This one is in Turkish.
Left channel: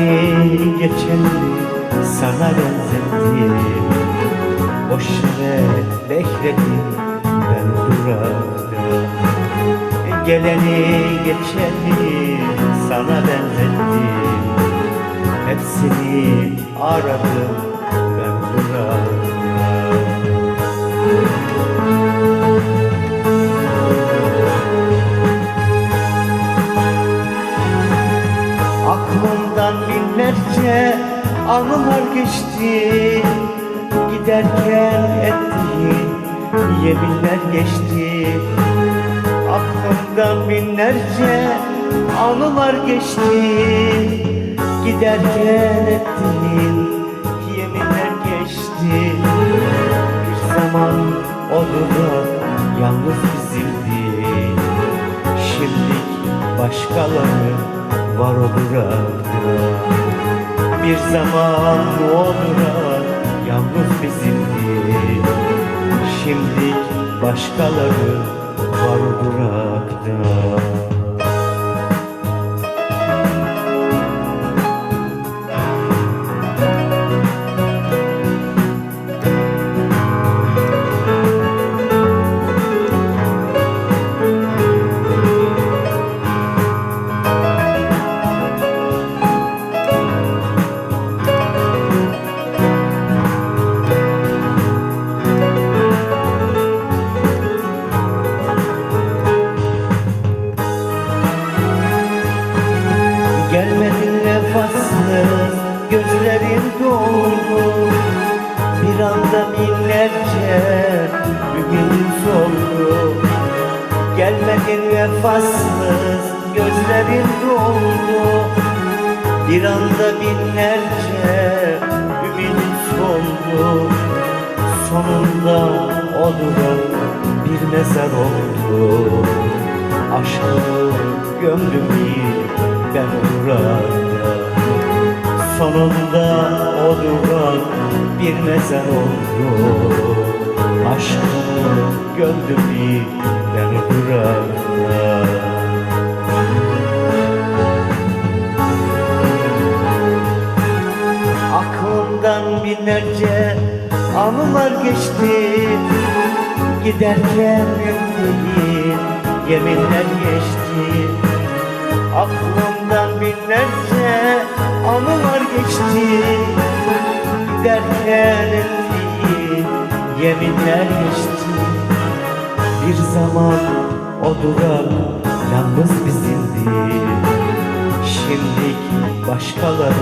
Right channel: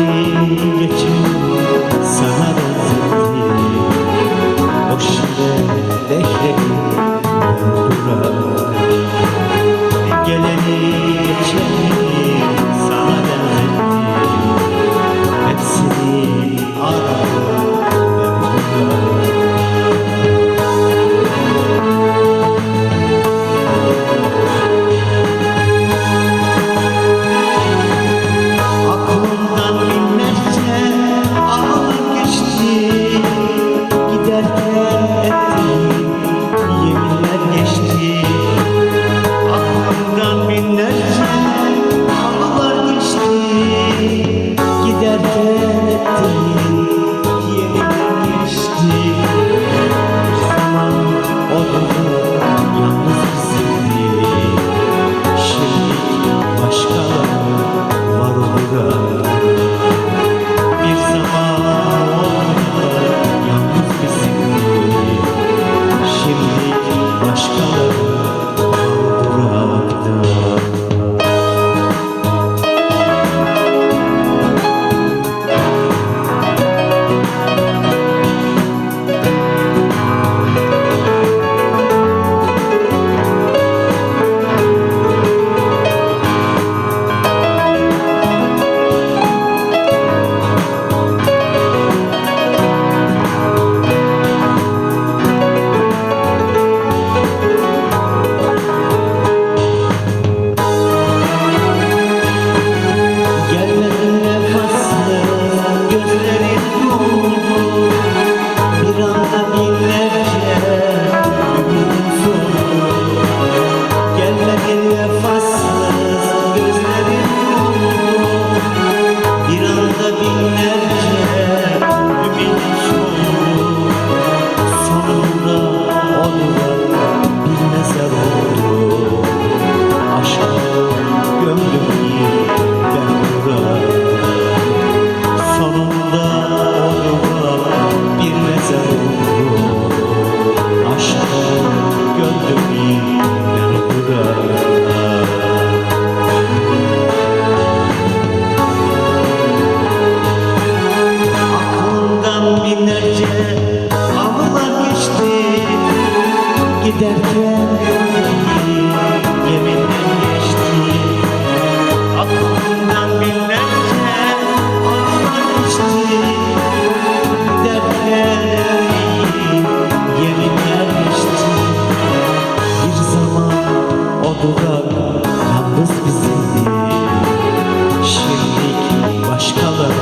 Geleni geçeni sana benzettim. Boş yere bekledim ben duradım. Geleni geçeni sana benzettim. Hepsini aradım ben duradım. Binlerce anılar geçti, giderken ettiğim yeminler geçti. Aklımdan binlerce anılar geçti, giderken ettiğim yeminler geçti. Bir zaman odada yalnız bizimdi, şimdi başkaları var olur. Bir zaman onlar yalnız bizimdi, şimdi başkaları var burada. Bir anda binlerce ümit soldu. Gelmedin vefasız gözlerin doldu. Bir anda binlerce ümit soldu. Sonunda olur bir mezar oldu. Aşkı gömdüm ben burada. Sonunda olur bir mezar oldu. Aşkı gömdüm ben burada. Aklımdan binlerce anılar geçti, giderken ettiğim yeminler geçti. Aklımdan binlerce anılar geçti, giderken ettiğim yeminler geçti. Bir zaman o dudak yalnız bizimdi, şimdi başkaları